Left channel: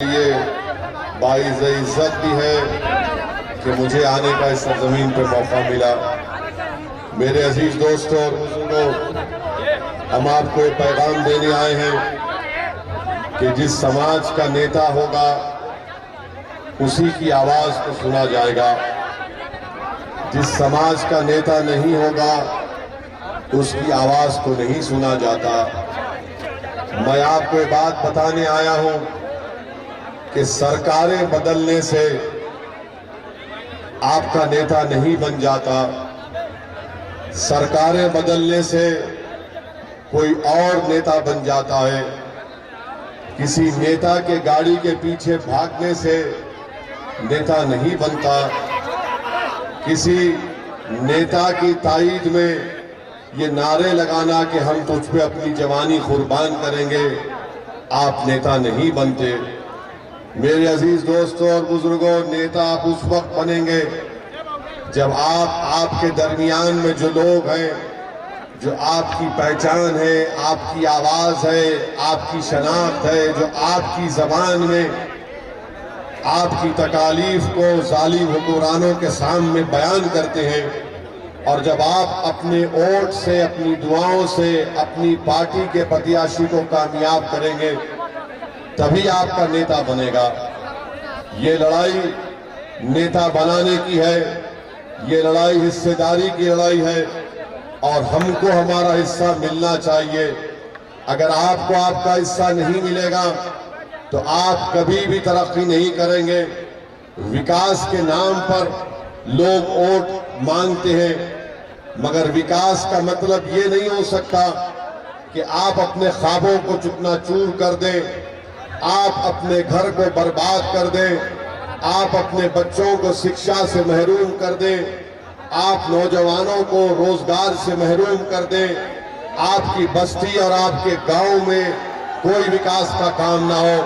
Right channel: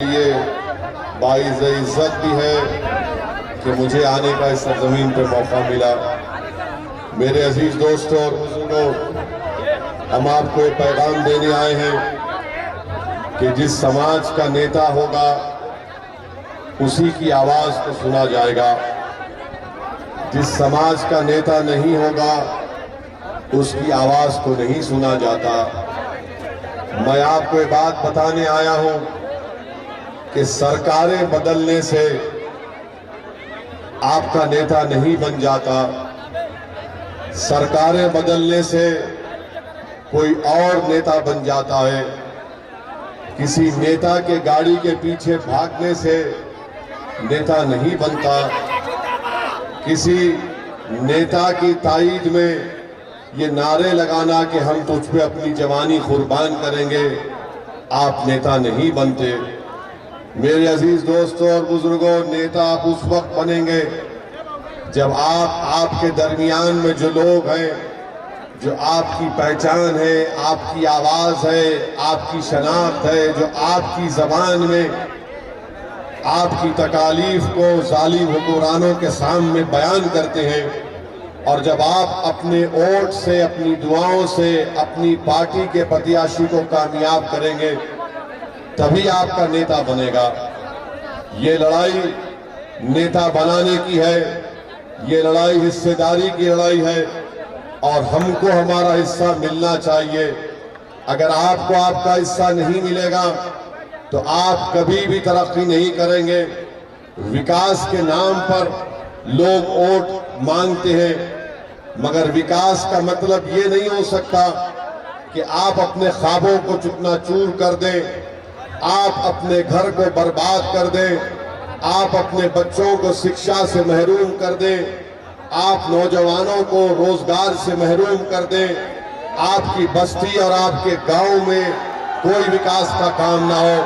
ये बाइज़ इज्जत भी है कि मुझे आने का इस सरजमीन पे मौका मिला। मेरे अजीज दोस्तों और बुजुर्गों, हम आपको एक पैगाम देने आए हैं कि जिस समाज का नेता होगा उसी की आवाज को सुना जाएगा। जिस समाज का नेता नहीं होगा उसकी आवाज को नहीं सुना जाता। मैं आपको एक बात बताने आया हूं कि सरकारें बदलने से आपका नेता नहीं बन जाता। सरकारें बदलने से कोई और नेता बन जाता है। किसी नेता के गाड़ी के पीछे भागने से नेता नहीं बनता। किसी नेता की ताईद में ये नारे लगाना कि हम तुझ पे अपनी जवानी कुर्बान करेंगे, आप नेता नहीं बनते। मेरे अजीज दोस्तों और बुजुर्गों, नेता आप उस वक्त बनेंगे जब आपके दरमियान में जो लोग हैं, जो आपकी पहचान है, आपकी आवाज है, आपकी शनाख्त है, जो आपकी जबान में आपकी तकालीफ को जालिम हुक्मरानों के सामने बयान करते हैं, और जब आप अपने वोट से, अपनी दुआओं से अपनी पार्टी के प्रत्याशी को कामयाब करेंगे, तभी आपका नेता बनेगा। ये लड़ाई नेता बनाने की है, ये लड़ाई हिस्सेदारी की लड़ाई है, और हमको हमारा हिस्सा मिलना चाहिए। अगर आपको आपका हिस्सा नहीं मिलेगा तो आप कभी भी तरक्की नहीं करेंगे। विकास के नाम पर लोग वोट मांगते हैं, मगर विकास का मतलब ये नहीं हो सकता कि आप अपने ख्वाबों को चूकना-चूर कर दें, आप अपने घर को बर्बाद कर दें, आप अपने बच्चों को शिक्षा से महरूम कर दें, आप नौजवानों को रोजगार से महरूम कर दें, आपकी बस्ती और आपके गांव में कोई विकास का काम ना हो।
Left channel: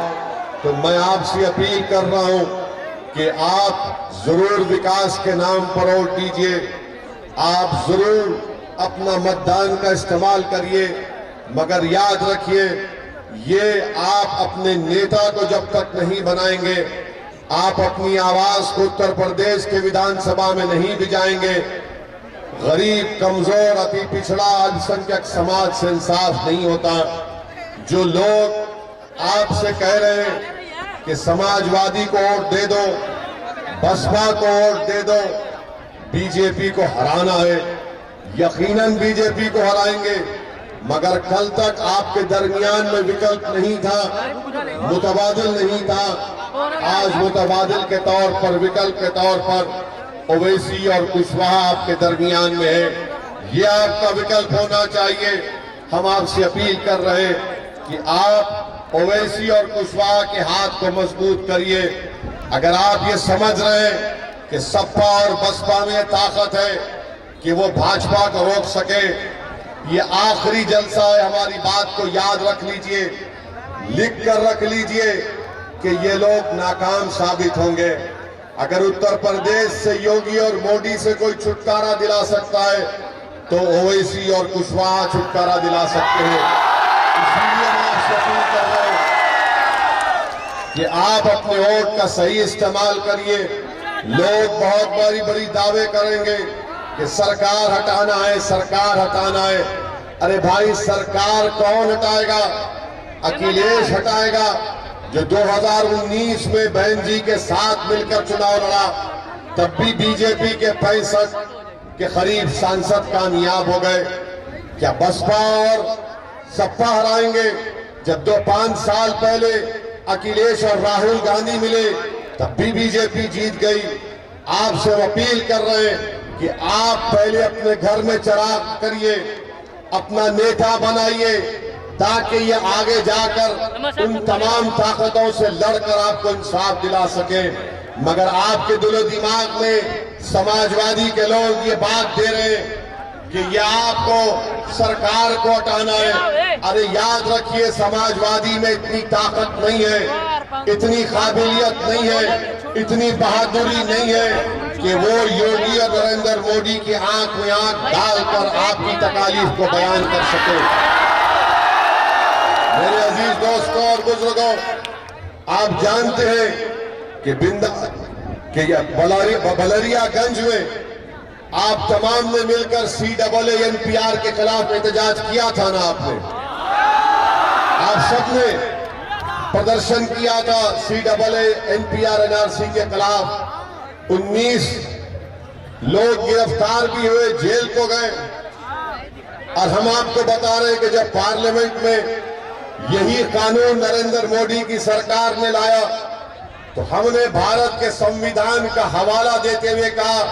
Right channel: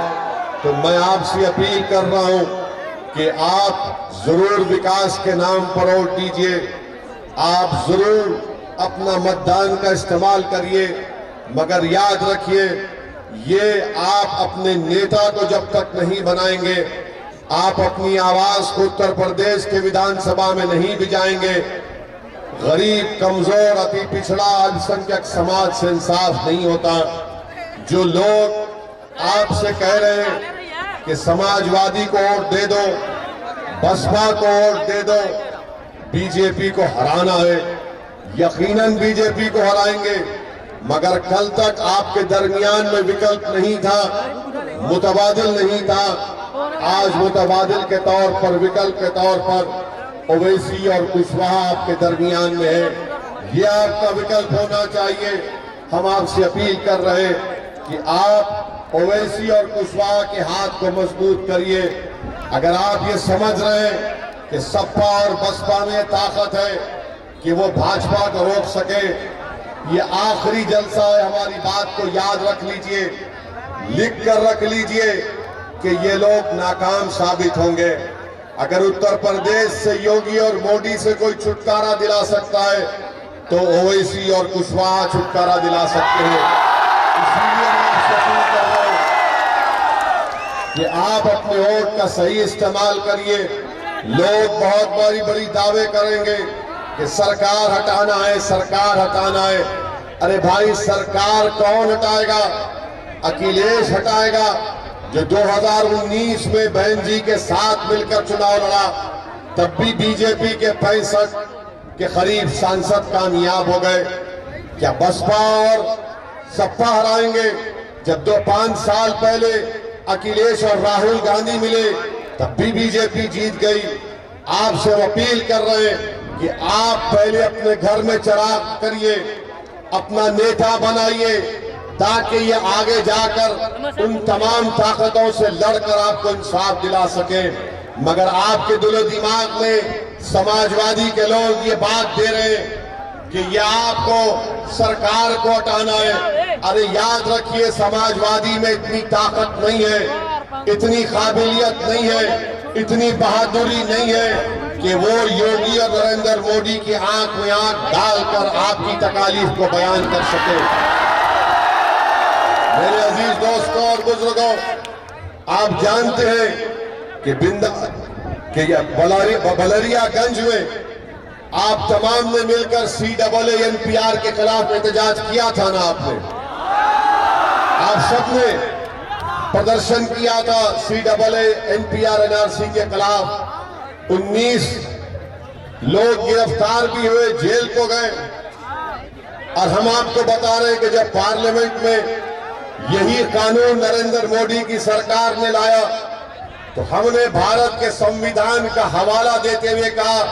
तो मैं आपसे अपील कर रहा हूं कि आप जरूर विकास के नाम पर वोट दीजिए, आप जरूर अपना मतदान का इस्तेमाल करिए, मगर याद रखिए, ये आप अपने नेता को जब तक नहीं बनाएंगे, आप अपनी आवाज को उत्तर प्रदेश के विधानसभा में नहीं भिजाएंगे, गरीब, कमजोर, अति पिछड़ा, अल्पसंख्यक समाज से इंसाफ नहीं होता। जो लोग आपसे कह रहे हैं कि समाजवादी को वोट दे दो, बसपा को वोट दे दो, बीजेपी को हराना है, यकीनन बीजेपी को हराएंगे, मगर कल तक आपके दरमियान में विकल्प नहीं था, मुतबादिल नहीं था। आज मुतबादिल के तौर पर, विकल्प के तौर पर ओवैसी और कुशवाहा आपके दरमियान में है। ये आपका विकल्प होना चाहिए। हम आपसे अपील कर रहे हैं कि आप ओवैसी और कुशवाहा के हाथ को मजबूत करिए। अगर आप ये समझ रहे हैं कि सपा और बसपा में ताकत है कि वो भाजपा को रोक सके, ये आखिरी जलसा है। हमारी बात को याद रख लीजिए, लिख कर रख लीजिए कि ये लोग नाकाम साबित होंगे। अगर उत्तर प्रदेश से योगी और मोदी से कोई छुटकारा दिला सकता है तो ओवैसी और कुशवाहा छुटकारा दिला सकते हैं। इसलिए मैं आपसे अपील कर रहा हूं कि आप अपने वोट का सही इस्तेमाल करिए। लोग बहुत बड़ी दावे करेंगे कि सरकार हटाना है, सरकार हटाना है। अरे भाई, सरकार कौन हटाएगा? अखिलेश हटाएगा, जो 2019 में बहन जी के साथ मिलकर चुनाव लड़ा, तब भी बीजेपी के 65 के करीब सांसद कामयाब हो गए। क्या बसपा और सपा हराएंगे? जब 5 साल पहले अखिलेश और राहुल गांधी मिले तब भी बीजेपी जीत गई। आपसे अपील कर रहे हैं कि आप पहले अपने घर में चिराग करिए, अपना नेता बनाइए, ताकि ये आगे जाकर उन तमाम ताकतों से लड़कर आपको इंसाफ दिला सके। मगर आपके दिलो दिमाग में समाजवादी के लोग ये बात दे रहे हैं कि ये आपको सरकार को हटाना है। अरे याद रखिए, समाजवादी में इतनी ताकत नहीं है, इतनी काबिलियत नहीं है, इतनी बहादुरी नहीं है कि वो योगी और नरेंद्र मोदी की आंख में आंख डालकर आपकी तकालीफ को बयान कर सके। मेरे अजीज दोस्तों और बुजुर्गों, आप जानते हैं कि बलरियागंज में आप तमाम ने मिलकर CAA-NPR के खिलाफ एहतजाज किया था ना। आपने, आप सबने प्रदर्शन किया था CAA-NPR NRC के खिलाफ। 19 लोग गिरफ्तार भी हुए, जेल को गए। और हम आपको बता रहे हैं कि जब पार्लियामेंट में यही कानून नरेंद्र मोदी की सरकार ने लाया तो हमने भारत के संविधान का हवाला देते हुए कहा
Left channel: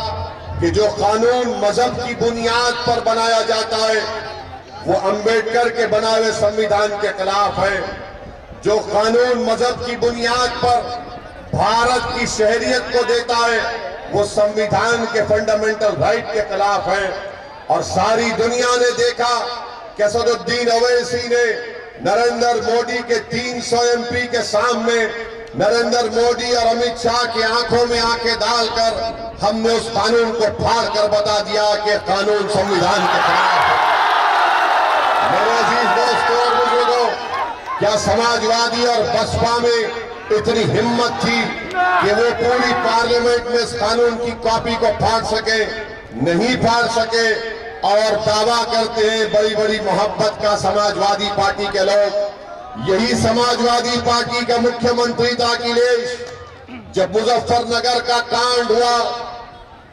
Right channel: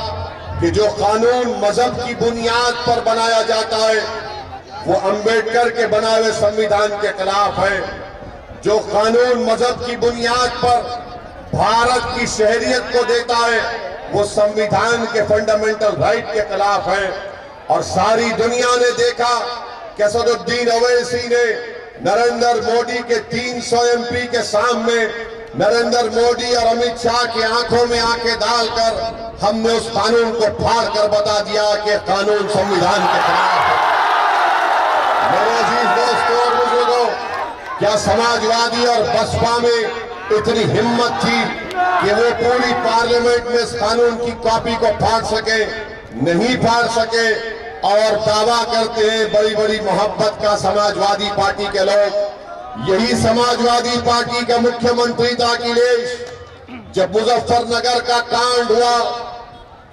कि जो कानून मजहब की बुनियाद पर बनाया जाता है वो अंबेडकर के बनाए हुए संविधान के खिलाफ है। जो कानून मजहब की बुनियाद पर भारत की शहरियत को देता है वो संविधान के फंडामेंटल राइट के खिलाफ है। और सारी दुनिया ने देखा कि असदुद्दीन ओवैसी ने नरेंद्र मोदी के 300 MP के सामने नरेंद्र मोदी और अमित शाह की आंखों में आंखें डालकर हमने उस कानून को फाड़ कर बता दिया कि कानून संविधान के खिलाफ है। मेरे अजीज दोस्तों और बुजुर्गों, क्या समाजवादी और बसपा में इतनी हिम्मत थी कि वो पूरी पार्लियामेंट में इस कानून की कॉपी को फाड़ सके? नहीं फाड़ सके। और दावा करते हैं बड़ी बड़ी मोहब्बत का समाजवादी पार्टी के लोग। यही समाजवादी पार्टी का मुख्यमंत्री था अखिलेश। जब मुजफ्फरनगर का कांड हुआ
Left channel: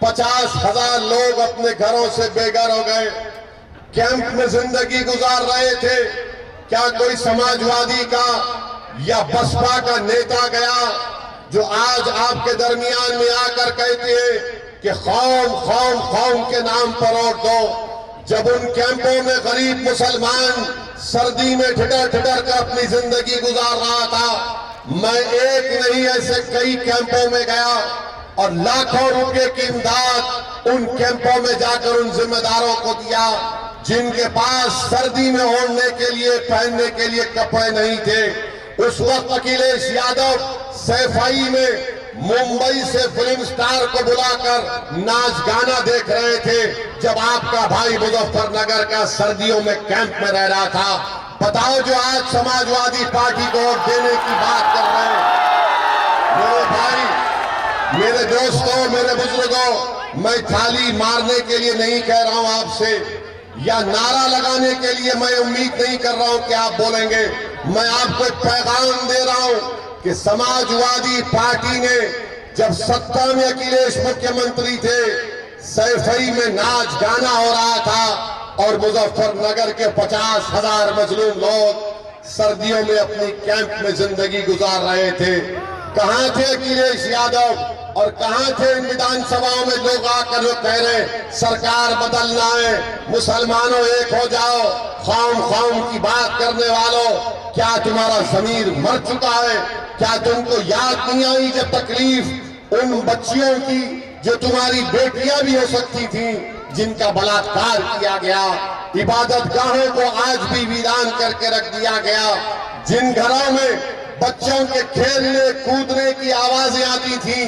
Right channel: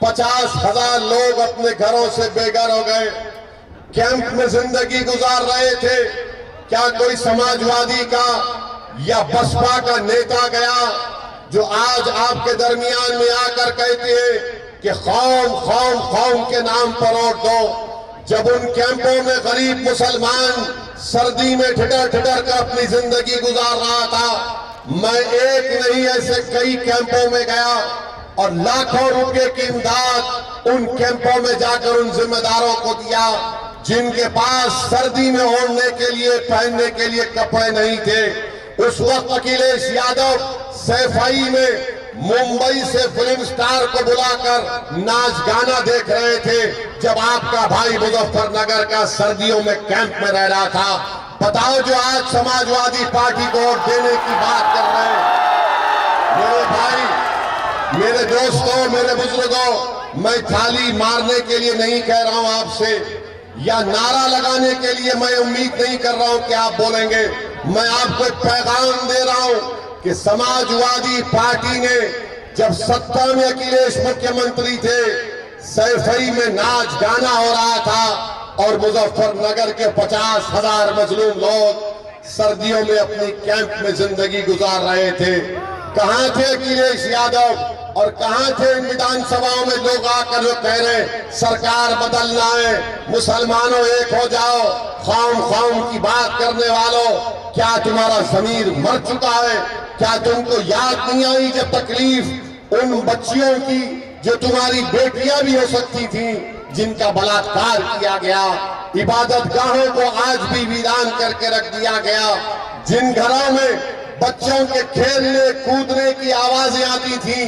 50,000 लोग अपने घरों से बेघर हो गए, कैंप में जिंदगी गुजार रहे थे। क्या कोई समाजवादी का या बसपा का नेता गया जो आज आपके दरमियान में आकर कहते हैं कि कौम के नाम पर वोट दो? जब उन कैंपों में गरीब मुसलमान सर्दी में ठिठर कर अपनी जिंदगी गुजार रहा था, मैं एक नहीं ऐसे कई कैंपों में गया और लाखों रुपए की इमदाद उन कैंपों में जाकर उन जिम्मेदारों को दिया जिनके पास सर्दी में ओढ़ने के लिए, पहनने के लिए कपड़े नहीं थे। उस वक्त अखिलेश यादव सैफई में मुंबई से फिल्म स्टार को बुलाकर नाच गाना देख रहे थे जब आपका भाई मुजफ्फरनगर का सर्दियों में कैंप में रह रहा था। बताओ, जो आज समाजवादी पार्टी को वोट देने की बात कर रहे हैं। मेरे भाई, मेरे दोस्तों, मेरे बुजुर्गों, मैं थाली मारने के लिए नहीं कह रहा हूं आपसे या नारा लगाने के लिए मैं उम्मीद नहीं कर रहा हूं कि आप बोलेंगे। मैं आपको एक पैगाम दे रहा हूं कि समाजवादी पार्टी ने जब सत्ता में अखिलेश मुख्यमंत्री थे, सैफई में नाच गाना हो रहा था और मुजफ्फरनगर के 50,000 मजलूम लोग सर्दियों में अपनी कैंप में जिंदगी गुजार रहे थे। कहां थे अखिलेश यादव और कहां थे इन विधानसभाओं में लोग आकर जो कह रहे सरकार बदलना है, मुसलमानों एक हो जाओ, कौम की बात करने वालों, क्या तुम्हारा जमीर मर चुका है? क्या तुमको याद नहीं आई जब तकलीफ उन बच्चियों की जो तुम्हारी बेटियां भी हो सकती थी, जिनका बलात्कार किया गया, इबादत गाहों को आज भी वीरान करके रख दिया गया, जिन घरों में बच्चों के खेलने कूदने की आवाजें आती थी,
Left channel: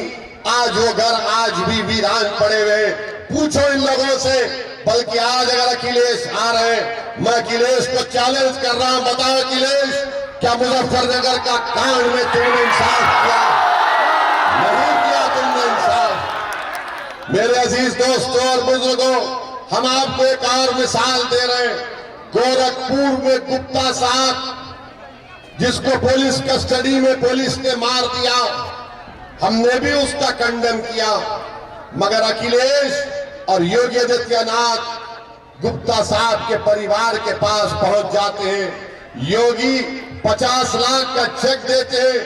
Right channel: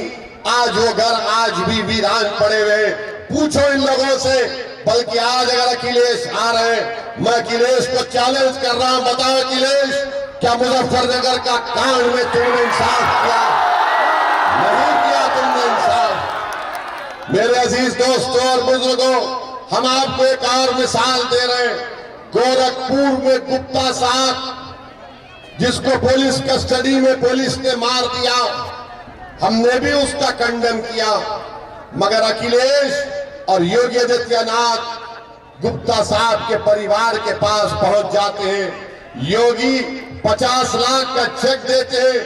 आज वो घर आज भी वीरान पड़े हुए। पूछो इन लोगों से। बल्कि आज अगर अखिलेश आ रहे हैं, मैं अखिलेश को चैलेंज कर रहा हूं, बताओ अखिलेश, क्या मुजफ्फरनगर का कांड में तुमने इंसाफ किया? नहीं किया तुमने इंसाफ। मेरे अजीज दोस्तों और बुजुर्गों, हम आपको एक और मिसाल दे रहे हैं। गोरखपुर में गुप्ता साहब, जिसको पुलिस कस्टडी में पुलिस ने मार दिया, हमने भी उसका खंडन किया। मगर अखिलेश और योगी आदित्यनाथ गुप्ता साहब के परिवार के पास पहुंच जाते हैं। योगी 50 लाख का चेक देते हैं,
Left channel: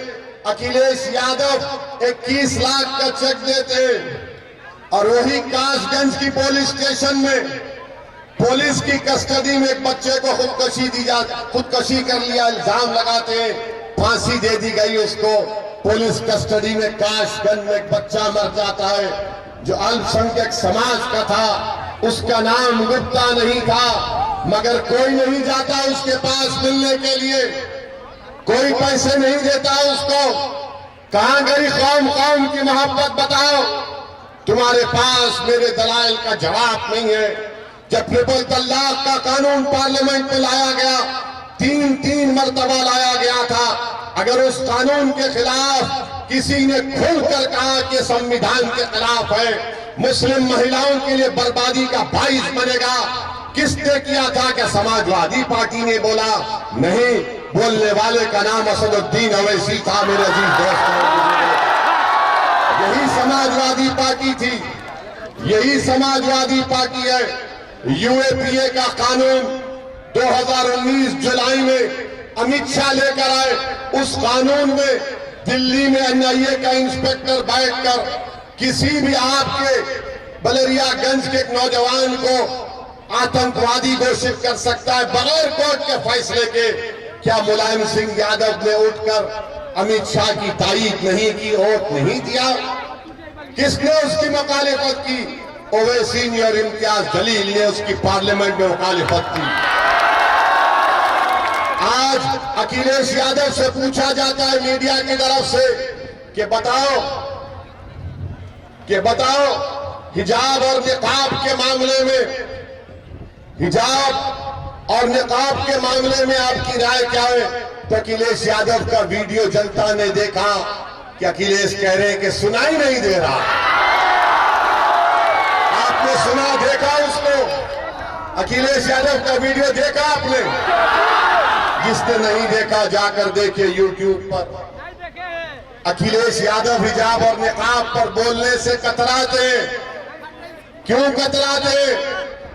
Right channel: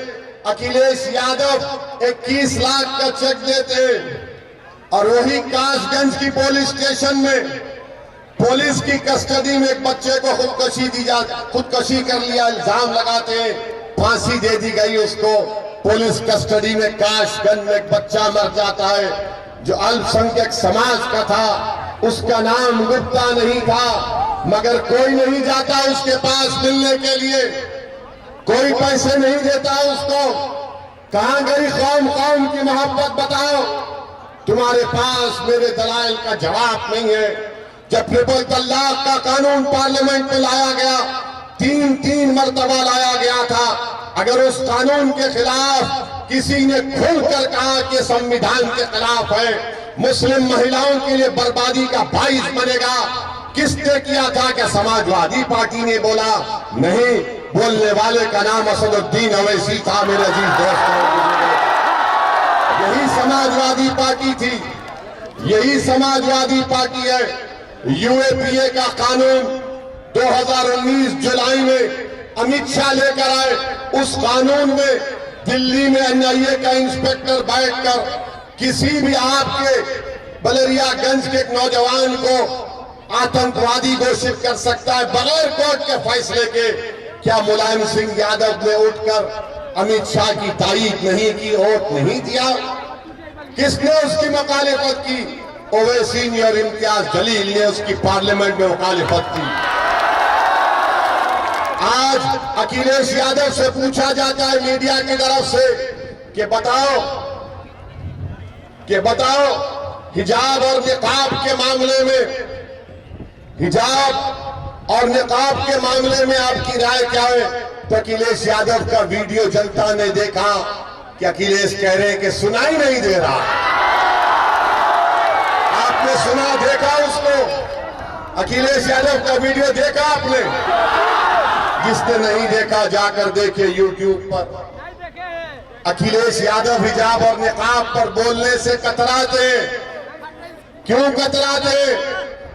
अखिलेश यादव 21 लाख का चेक देते हैं। और वही कासगंज की पुलिस स्टेशन में पुलिस की कस्टडी में एक बच्चे को खुदकशी कर लिया, इल्जाम लगाते हैं, फांसी दे दी गई उसको। पुलिस कस्टडी में कासगंज में एक बच्चा मर जाता है जो अल्पसंख्यक समाज का था, उसका नाम गुप्ता नहीं था, मगर कोई नहीं जाता उसके पास मिलने के लिए, कोई पैसे नहीं देता उसको। कहां गई कौम की मोहब्बत? बताओ, तुम्हारे पास मेरे दलाइल का जवाब नहीं है। जब ट्रिपल तलाक का कानून पार्लियामेंट में लाया गया, तीन मर्तबा लाया गया था, अगर उस कानून के खिलाफ किसी ने खुलकर कहा कि संविधान के खिलाफ है, मुस्लिम महिलाओं के लिए बर्बादी का बाइस बनेगा, किसने किया था? क्या समाजवादी पार्टी ने बोला? नहीं, बोलने वाले का नाम असदुद्दीन अवैसी था। मेरे अजीज दोस्तों, यही समाजवादी पार्टी थी, यही समाजवादी पार्टी है। यूएपीए का कानून 2019 जुलाई में अमित शाह लेकर आए। उस कानून में दिल्ली में एनआईए का इंस्पेक्टर बैठकर किसी भी आपके बलरियागंज के एक नौजवान को आतंकवादी घोषित कर सकता है बगैर कोर्ट के फैसले के। क्या मुलायम सिंह यादव ने उठकर अमित शाह की तारीफ नहीं की, वोट नहीं दिया? किसने उसकी मुखालिफत की? ओवैसी ने और इम्तियाज जलील ने उसकी पार्लियामेंट में मुखालिफत की। आज अखिलेश यादव से पूछा जाता है मीडिया की तरफ से कि बताओ हिजाब और निकाब के मामले में, हिजाब और निकाब के मामले में आपकी राय क्या है? तो अखिलेश यादव का वीडियो जनता ने देखा कि अखिलेश कह रहे हैं कि सुनाई नहीं दे रहा। आपने सुना, देखा उसको? अखिलेश यादव का वीडियो देखा आपने? जिसने नहीं देखा जाकर देखे यूट्यूब पर। अखिलेश यादव हिजाब और निकाब पर बोलने से कतराते। क्यों कतराते?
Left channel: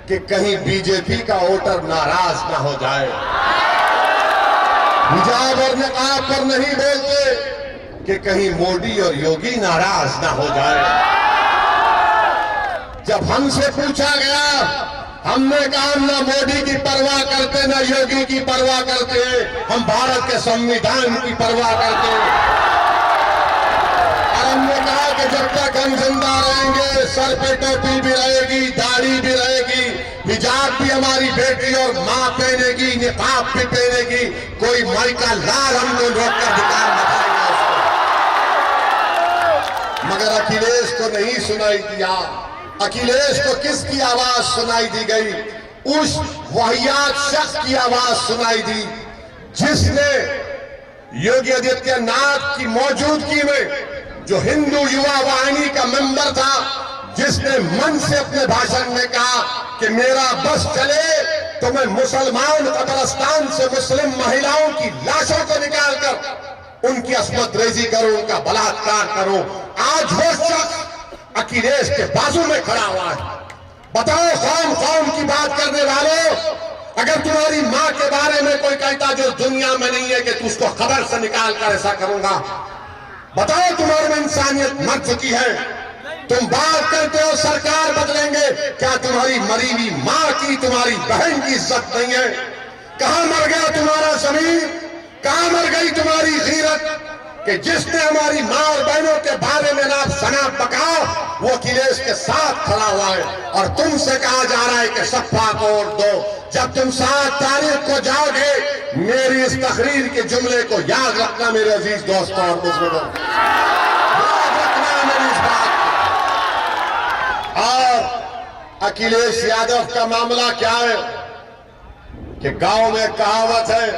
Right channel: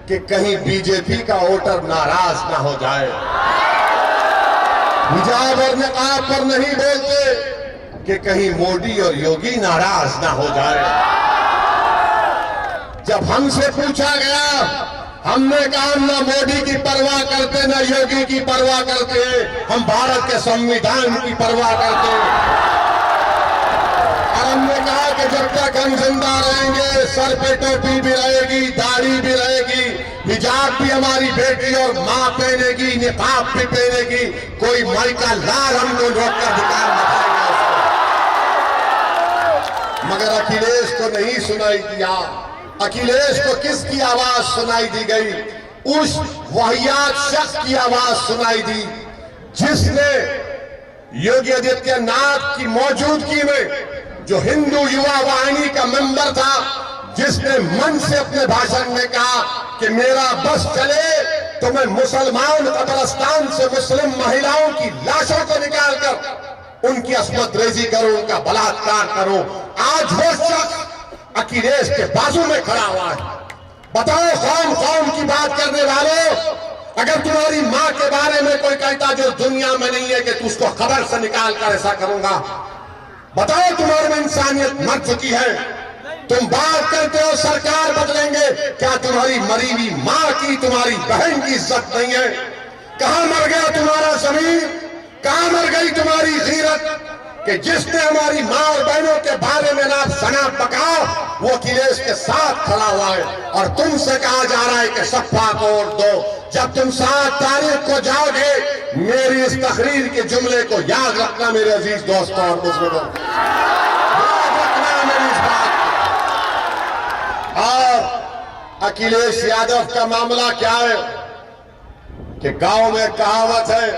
कि कहीं बीजेपी का वोटर नाराज ना हो जाए। हिजाब और निकाब पर नहीं बोलते कि कहीं मोदी और योगी नाराज ना हो जाए। जब हमसे पूछा गया, हमने कहा हम ना मोदी की परवाह करते, ना योगी की परवाह करते, हम भारत के संविधान की परवाह करते हैं। और हमने कहा कि जब तक हम जिंदा रहेंगे, सर पे टोपी भी रहेगी, दाढ़ी भी रहेगी, हिजाब भी हमारी बेटी और मां पहनेगी, निकाब भी पहनेगी, कोई माई का लाल हमको रोककर धिक्कार बताएगा उसको। मगर अखिलेश को नहीं सुनाई दिया। अखिलेश को किसकी आवाज सुनाई दी गई? उस वाहियात शख्स की आवाज सुनाई दी जिसने योगी आदित्यनाथ की मौजूदगी में, जो हिंदू युवा वाहिनी का मेंबर था, जिसने मन से अपने भाषण में कहा कि मेरा बस चले तो मैं मुसलमान कब्रिस्तान से मुस्लिम महिलाओं की लाशों को निकालकर उनकी अस्मत रेजी करूं, उनका बलात्कार करूं। आज वो शख्स अखिलेश के बाजू में खड़ा हुआ है। बताओ, कौम की बात करने वालों, अगर तुम्हारी मां के बारे में कोई कहता जो दुनिया में नहीं है कि तू उसको खबर से निकाल कर ऐसा करूंगा, बताओ तुम्हारे में इंसानियत मर चुकी है। तुम बात करते हो सरकार बदलेंगे, क्या तुम्हारी मरी हुई मां की, तुम्हारी बहन की इज्जत नहीं है? कहां मर गया तुम्हारा जमीन? कहां मर गई तुम्हारी गीरत कि जिसने हमारी मां और बहनों के बारे में ना शनाब बका, वो अखिलेश के साथ खड़ा हुआ है। और तुमसे कहा जा रहा है कि सपा को वोट दो। जब तुम 7 तारीख को जाओगे, मेरी इस तकरीर के जुमले को याद रखना मेरे अजीज दोस्तों और बुजुर्गों, याद रखना मेरी इस बात को। और अखिलेश यादव का मामला क्या है कि गांव में कहावत है,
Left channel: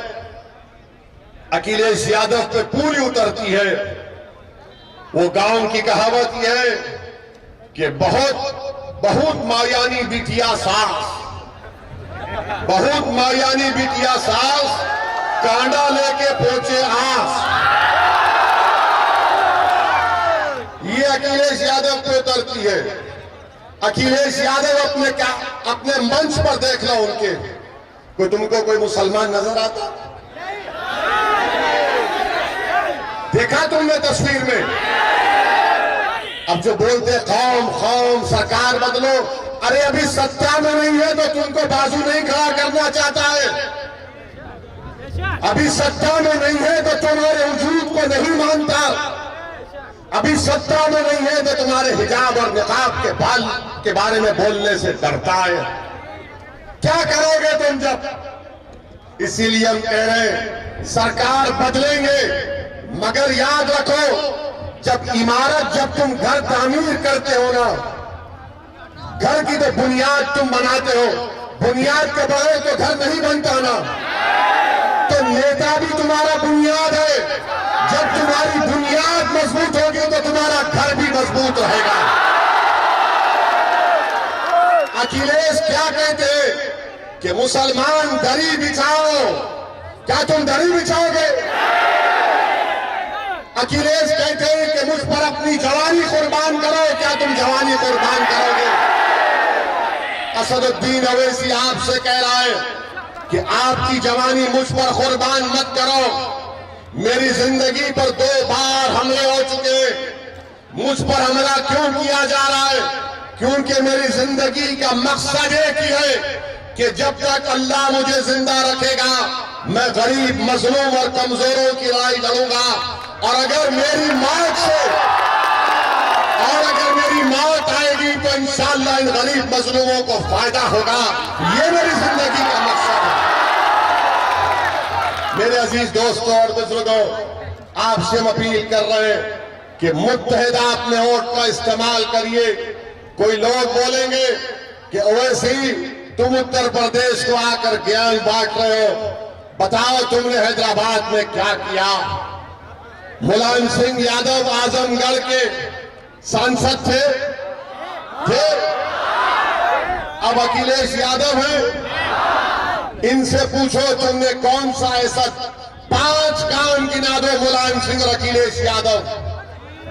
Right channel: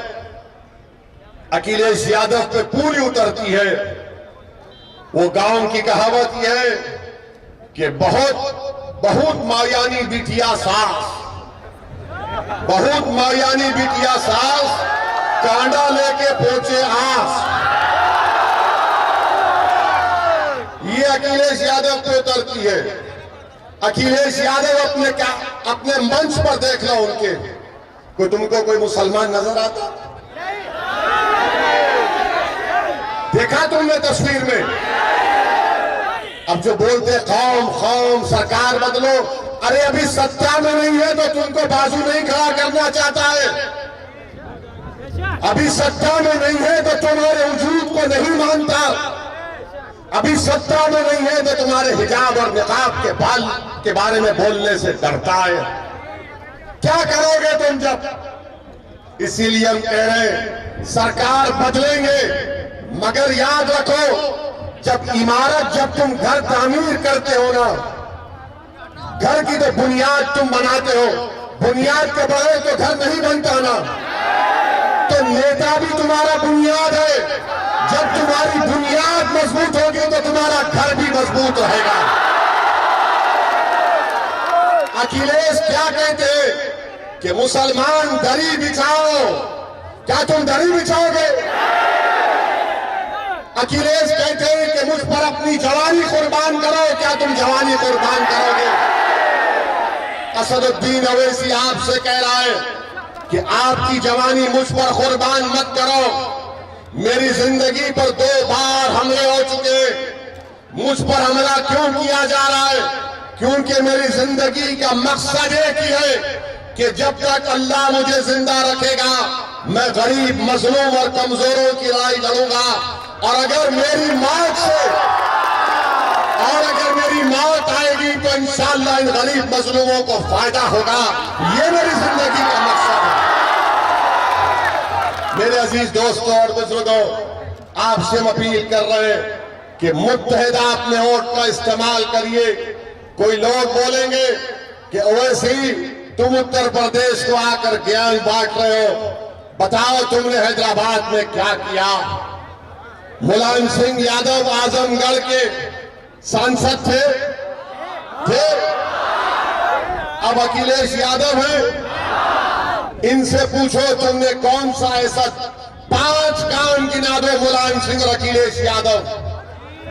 अखिलेश यादव पे पूरी उतरती है। वो गांव की कहावत यह है कि बहुत मायानी बिटिया सास, बहुत मायानी बिटिया सास, कांडा लेके पहुंचे आस। ये अखिलेश यादव पे उतरती है। अखिलेश यादव अपने मंच पर देख लो उनके, तुमको कोई मुसलमान नजर आता? देखा तुमने तस्वीर में? अब जो बोलते कौम सरकार बदलो, अरे अभी सत्ता में नहीं है तो तुमको बाजू नहीं खड़ा करना चाहता है। अभी सत्ता में नहीं है तो तुम्हारे वजूद को नहीं मानता। अभी सत्ता में नहीं है तो तुम्हारे हिजाब और निकाब के बाल के बारे में बोलने से डरता है। क्या करोगे तुम जब? इसीलिए हम कह रहे हैं सरकार बदलेंगे, मगर याद रखो, जब तुम घर तामीर करते हो ना, घर की तो बुनियाद तुम बनाते हो, बुनियाद के बगैर तो घर नहीं बनता ना। तो नेता भी तुम्हारा बुनियाद है। जब तुम्हारी बुनियाद मजबूत होगी तो तुम्हारा घर भी मजबूत रहेगा। अखिलेश क्या कहते कि मुसलमान दरी बिछाओ, क्या तुम दरी बिछाओगे? अखिलेश कहते हैं कि मुझ पर अपनी जवानी कुर्बान करो, क्या तुम जवानी कुर्बान करोगे? असदुद्दीन अवैसी आपसे कह रहा है कि आपकी जवानी मुझ पर कुर्बान मत करो। मेरी जिंदगी पर 2 बार हमले हो चुके, मुझ पर हमला क्यों किया जा रहा है? क्योंकि मेरी जिंदगी का मकसद एक ही है कि जब तक अल्लाह मुझे जिंदा रखेगा मैं गरीब, मजलूम और कमजोरों की लड़ाई लड़ूंगा। और अगर मेरी मौत आएगी तो इंशाअल्लाह इन गरीब मजलूमों को फायदा होगा। ये मेरी जिंदगी का मकसद है। मेरे अजीज दोस्तों और बुजुर्गों, आपसे हम अपील कर रहे हैं कि मुत्तहिदा अपने वोट का इस्तेमाल करिए। कोई लोग बोलेंगे कि ओवैसी तुम उत्तर प्रदेश को आकर ज्ञान बांट रहे हो, बताओ तुमने हैदराबाद में क्या किया? मुलायम सिंह यादव आजमगढ़ के सांसद थे। अब अखिलेश यादव हैं। इनसे पूछो तुमने कौन सा ऐसा 5 काम गिना दो मुलायम सिंह और अखिलेश यादव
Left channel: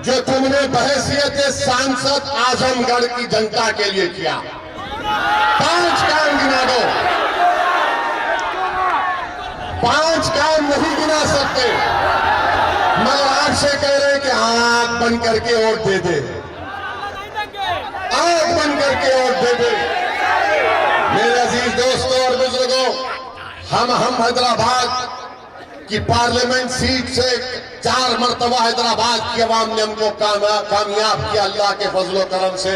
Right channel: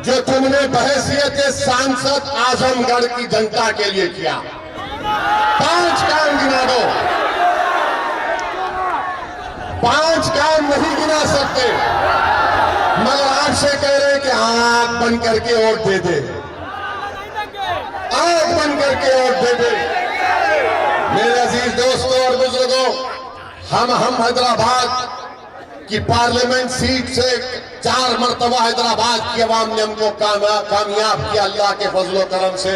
जो तुमने बहैसियत सांसद आजमगढ़ की जनता के लिए किया। 5 काम गिना दो। 5 काम नहीं गिना सकते, मगर आपसे कह रहे हैं कि आंख बंद करके वोट दे दे, आंख बंद करके वोट दे दे। मेरे अजीज दोस्तों और बुजुर्गों, हम हैदराबाद की पार्लियामेंट सीट से 4 मरतबा हैदराबाद की आवाम ने हमको कामयाब किया अल्लाह के फजलो करम से।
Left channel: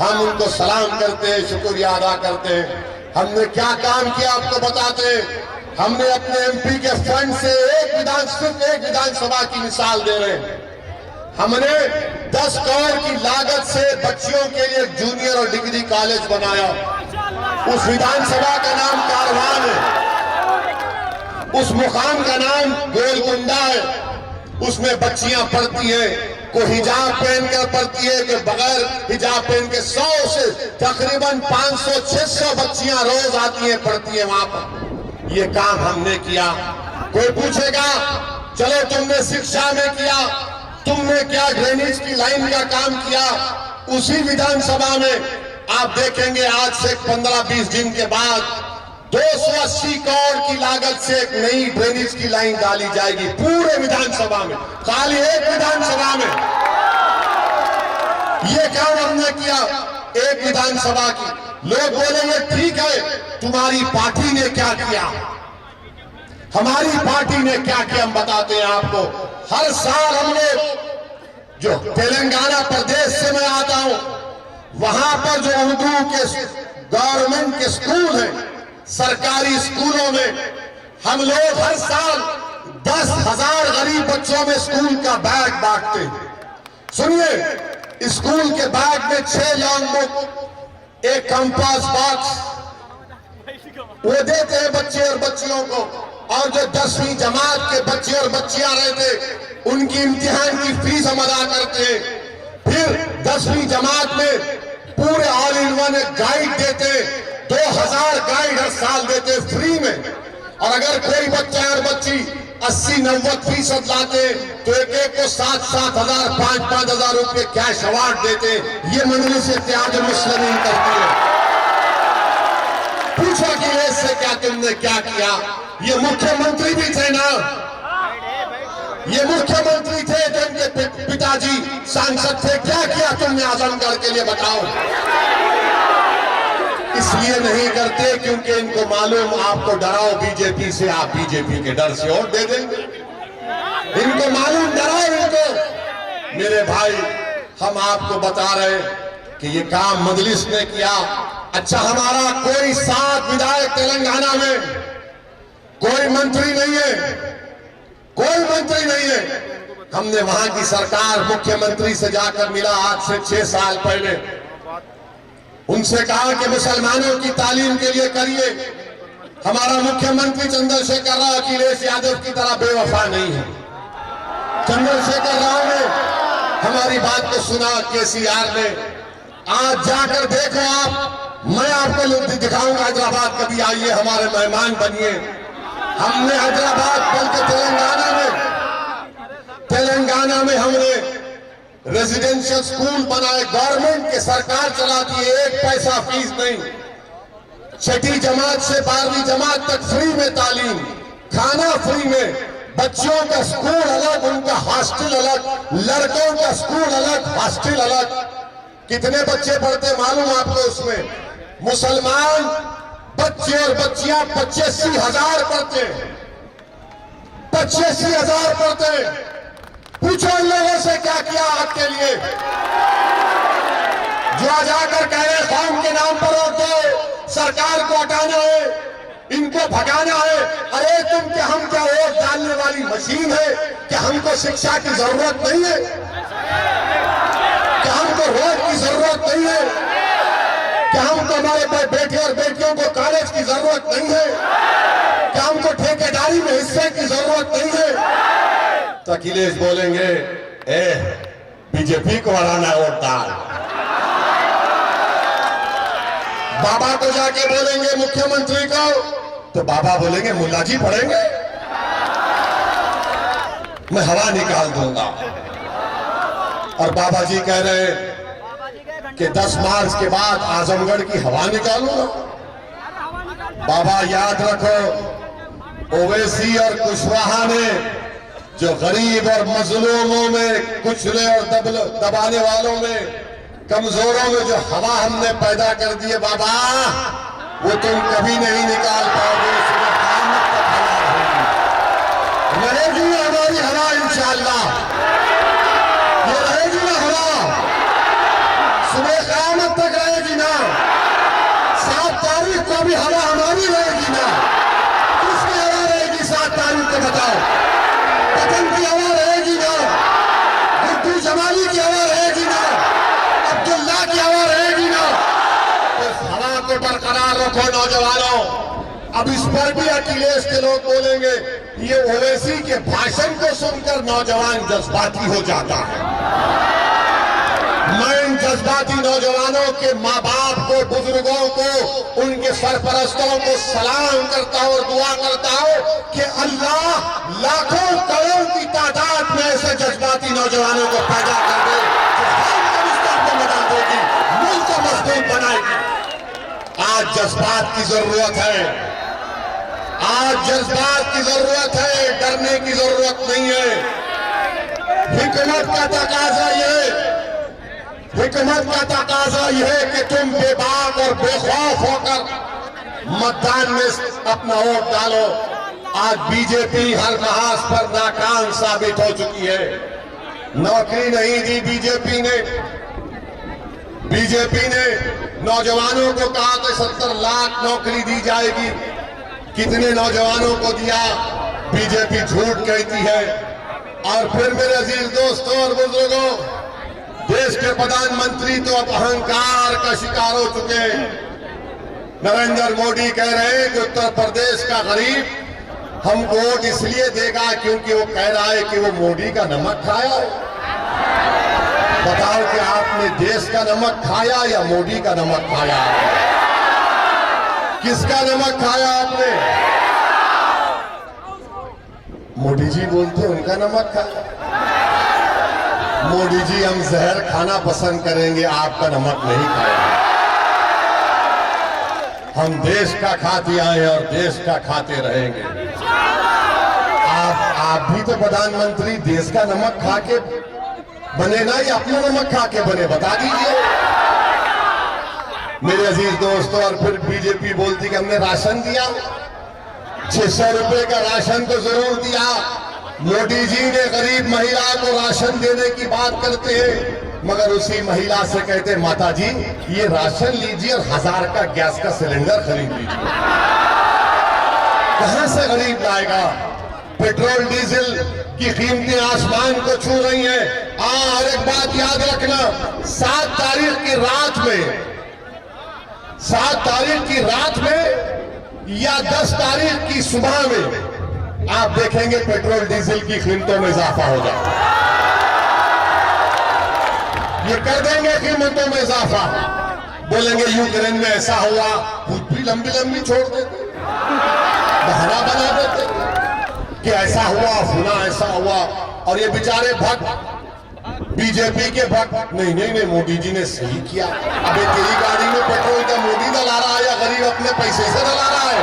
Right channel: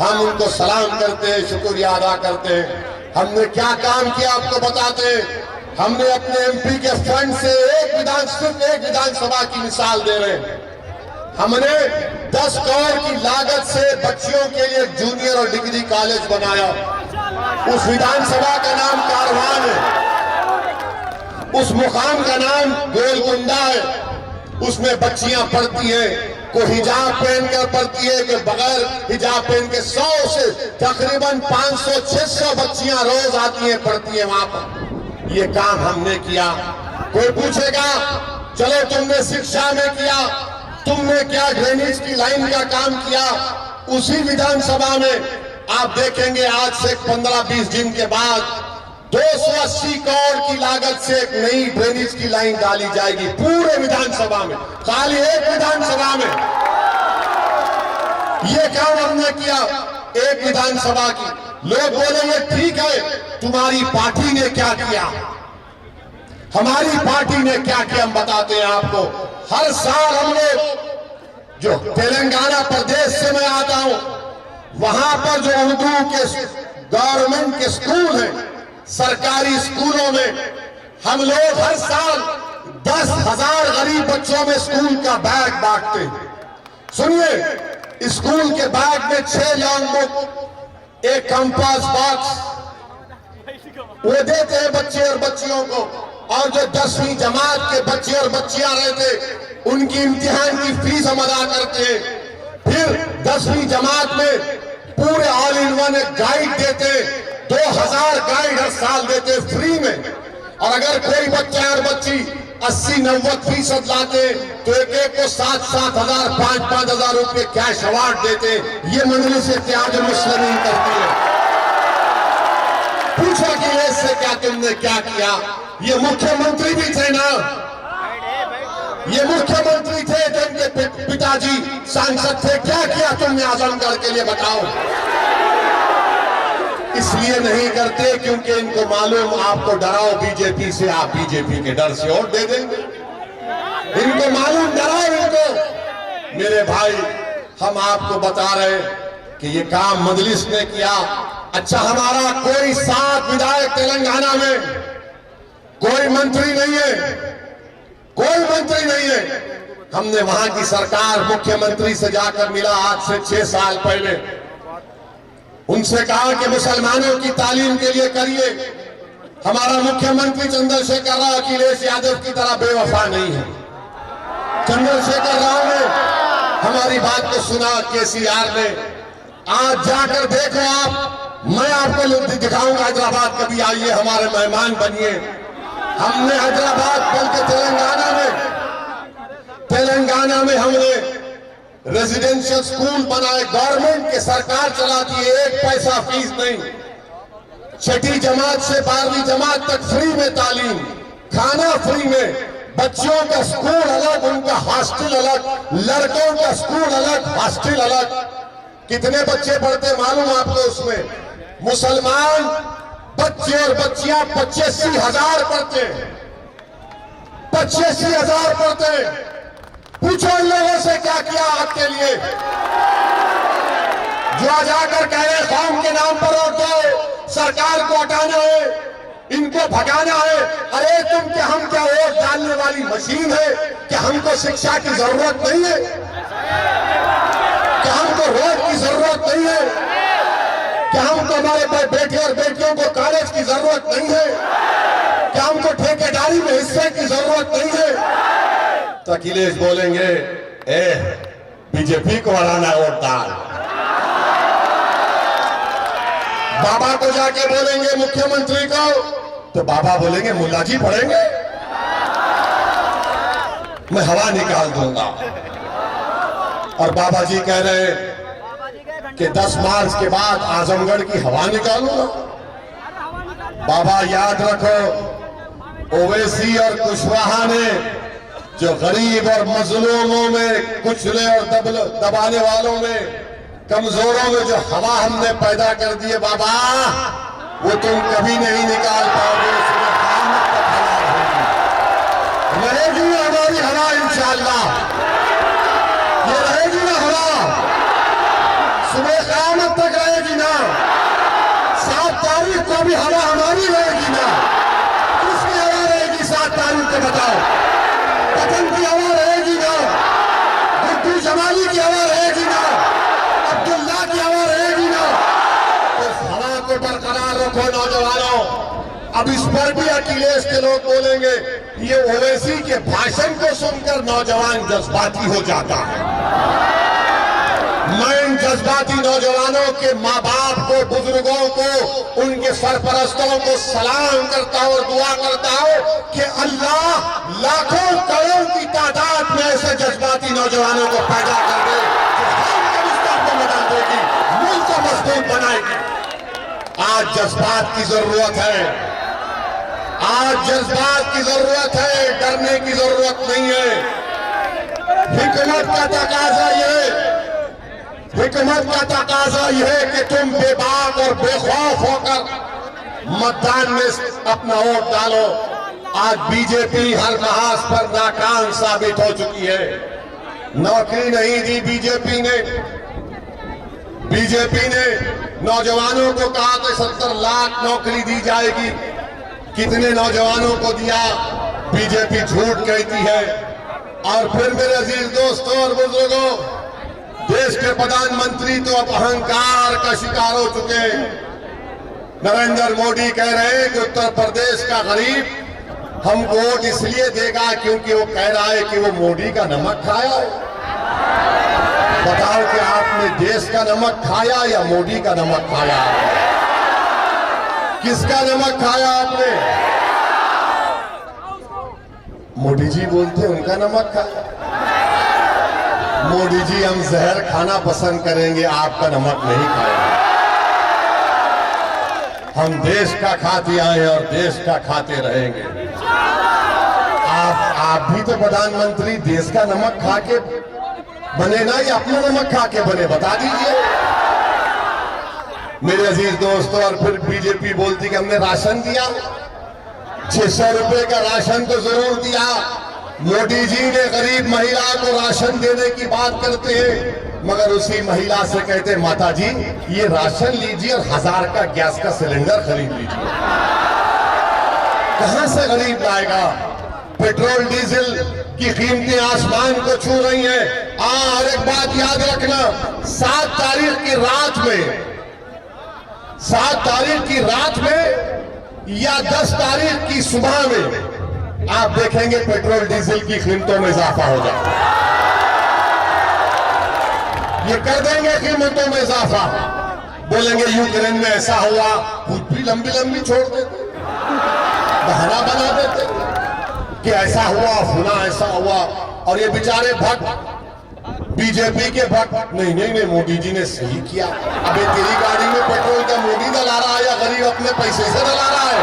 हम उनको सलाम करते हैं, शुक्रिया अदा करते हैं। हमने क्या काम किया आपको बताते हैं। हमने अपने एमपी के फंड से सिर्फ एक विधानसभा की मिसाल दे रहे हैं। हमने 10 करोड़ की लागत से बच्चियों के लिए जूनियर और डिग्री कॉलेज बनाया। उस विधानसभा का नाम कारवान है, उस मुकाम का नाम गोलकुंडा है। उसमें बच्चियां पढ़ती हैं, कोई हिजाब पहनकर पढ़ती है, कि बगैर हिजाब पहन के 100 से तकरीबन 500-600 बच्चियां रोज आती हैं, पढ़ती हैं वहां पर। ये काम हमने किया। कोई पूछेगा चलो तुमने शिक्षा में किया, तुमने क्या ड्रेनेज की लाइन का काम किया? उसी विधानसभा में आप देखेंगे आज से 15-20 दिन के बाद 280 करोड़ की लागत से एक नई ड्रेनेज की लाइन डाली जाएगी पूरे विधानसभा में, खाली एक विधानसभा में। ये काम हमने किया एक विधानसभा की। लोग बोलेंगे ठीक है, तुम्हारी पार्टी ने क्या किया? हमारी पार्टी ने क्या किया हम बताते हैं आपको। हर साल हम लोग, जो तेलंगाना प्रदेश से मैं आता हूं, वहां पर जो उर्दू के गवर्नमेंट के स्कूल हैं, सरकारी स्कूलों में हम लोग हर साल 10,000 गरीब बच्चों में स्कूल का बैग बांटते हैं। सुनिए, स्कूल के बैग में 6 लॉन्ग बुक, एक कंपास बॉक्स वो देते हैं बच्चे और बच्चियों को। और जो 10वीं जमात के बच्चे और बच्चियां रहते, उनकी इम्तिहान की फीस हम अदा करते हैं। फिर 10वीं जमात में पूरे ऑल इन वन गाइड देते, 2000 गाइड हर साल देते फ्री में। और अगर कोई बच्चा और बच्ची 80-90% लाते तो एक को 7-7 हजार 5-5 हजार रुपये कैश अवार्ड देते। ये मजलिस इत्तेहाद मुस्लिमीन करती है। पूछा कि इससे क्या तुमने क्या किया? ये मुख्यमंत्री भी थे ना, ये मुख्यमंत्री थे जिनके पिताजी सांसद थे। क्या किया तुमने आजमगढ़ के लिए बताओ? इसलिए नहीं करते क्योंकि इनको मालूम आपको डराओ बीजेपी से, आप बीजेपी के डर से वोट दे देंगे। इनको मालूम, डराओ इनको। मेरे भाई, हम आपको बता रहे कि ये काम मजलिस ने किया। अच्छा, हमारा कोई 7 विधायक तेलंगाना में, कोई मंत्री नहीं है, कोई मंत्री नहीं है। हमने वहां की सरकार मुख्यमंत्री से जाकर मिला आज से 6 साल पहले। उनसे कहा कि मुसलमानों की तालीम के लिए करिए। हमारा मुख्यमंत्री चंद्रशेखर राव अखिलेश यादव की तरह बेवफा नहीं है। चंद्रशेखर राव ने हमारी बात को सुना, केसीआर ने। आज जाकर देखो आप, मैं आपको दिखाऊंगा हैदराबाद, कभी आइए हमारे मेहमान बनिए। हमने हैदराबाद बल्कि तेलंगाना में हमने रेजिडेंशियल स्कूल बनाए, गवर्नमेंट के सरकार चलाती है, 1 पैसा फीस नहीं। 6ठी जमात से 12वीं जमात तक फ्री में तालीम, खाना फ्री में, बच्चों का स्कूल अलग, उनका हॉस्टल अलग, लड़कों का स्कूल अलग, हॉस्टल अलग। कितने बच्चे पढ़ते मालूम आपको उसमें? मुसलमान बच्चे और बच्चियां 85,000 पढ़ते, 85,000 पढ़ते। पूछो इन लोगों से क्या किया आपके लिए, जो आ जाकर कह रहे कौम के नाम पर वोट दो, सरकार को हटाना है, इनको भगाना है। अरे तुम क्या, हम क्या वोट डालने वाली मशीन है? क्या हमको शिक्षा की जरूरत नहीं है? क्या हमको रोड की जरूरत नहीं है? क्या हमको हमारे बेटे और बेटियों को कॉलेज की जरूरत नहीं है? क्या हमको ठेकेदारी में हिस्से की जरूरत नहीं है? तो अखिलेश बोलेंगे, बीजेपी को हराना है, वोट डाल। बाबा को जाके बोलेंगे मुख्यमंत्री को, तो बाबा बोलेंगे मुल्ला जी पढ़ेंगे, मैं हवा निकाल दूंगा। और बाबा जी कह रहे हैं कि 10 मार्च के बाद आजमगढ़ की हवा निकालूंगा। बाबा याद रखो, ओवैसी और कुशवाहा ने जो गरीब और मजलूमों में, कुचले और दबाने वालों में, कमजोरों में जो हवा हमने पैदा कर दी है बाबा, वो तुम कभी नहीं निकाल पाओगे। सुबह क़यामत तक हवा रहेगी ना हमारी हवा, इंशाअल्लाह ये रहेगी ना हवा, सुबह क़यामत तक रहेगी ना। 7 तारीख को भी हवा हमारी रहेगी ना। किसकी हवा रहेगी 7 तारीख को बताओ? पतन की हवा रहेगी ना, गुड्डू जमाली की हवा रहेगी ना, अब्दुल्ला की हवा रहेगी ना। तो हवा को बरकरार रखो नौजवानों। अब इस पर भी अखिलेश के लोग बोलेंगे, ये ओवैसी के भाषण को सुनकर नौजवान जज्बाती हो जाता है। मैं इन जज्बाती नौजवानों के माँ बाप को, बुजुर्गों को, उनके सरपरस्तों को सलाम करता हूं और दुआ करता हूं कि अल्लाह लाखों करोड़ की तादाद में ऐसे जज्बाती नौजवानों को पैदा कर दे, जो कौम को मुस्तक़बिल को बदल देगी, मुल्क को मजबूत बनाएगी। आज जज्बात की जरूरत है, आज जज्बात की जरूरत है, डरने की जरूरत नहीं है। हिकमत का तकाजा यह कि तुम बेबाक और बेखौफ होकर मतदान में अपना वोट डालो। आज बीजेपी हर महाज पर नाकाम साबित हो चुकी है। नौकरी नहीं दी बीजेपी ने नौजवानों को कहा कि 70 लाख नौकरी दी जाएगी। कितने नौजवानों को दिया? बीजेपी झूठ कहती है। और फिर मेरे अजीज दोस्तों और बुजुर्गों, देश के प्रधानमंत्री तो अब अहंकार का शिकार हो चुके। नरेंद्र मोदी कह रहे हैं कि उत्तर प्रदेश का गरीब हमको वोट इसलिए देगा क्योंकि वो कह रहा है कि वो मोदी का नमक खाया है। बताओ कि आपने देश का नमक खाया या मोदी का नमक खाया? किसका नमक खाया आपने? मोदी जी बोलते उनका नमक खाया। मोदी जी हम जहर खाना पसंद करेंगे, आपका नमक नहीं खाएंगे। हम देश का खाते आए और देश का खाते रहेंगे। आप भी तो प्रधानमंत्री देश का नमक खा के बने ना, या अपना नमक खा के बने? बता दीजिए मेरे अजीज दोस्तों। और फिर बीजेपी बोलती कि हमने राशन दिया, 600 रुपए का राशन तो जरूर दिया। मोदी जी ने गरीब महिला को राशन देने की बात करते हैं, मगर उसी महिला से कहते हैं माता जी ये राशन लीजिए और 1000 का गैस का सिलेंडर खरीद लीजिए। कहां से गरीब लाएगा? पेट्रोल डीजल की कीमतें आसमान को छू रही हैं। और एक बात याद रखना, 7 तारीख की रात में या 10 तारीख की सुबह में आप देखेंगे पेट्रोल डीजल की कीमतों में इजाफा हो जाए। ये कर देंगे कीमतों में इजाफा, बोलेंगे यूक्रेन में ऐसा हुआ, खुद भी लंबी लंबी छोड़ देते, बहाना बना देते कि ऐसा हुआ, फुना ऐसा हुआ। और ये बेचारे भक्त, बीजेपी के भक्त, नहीं नहीं नहीं मोदी जी ने सही किया। अबे तेरी गाड़ी में पेट्रोल का मोदी डला रहा है या गरीब अपने पैसे से डला रहा है?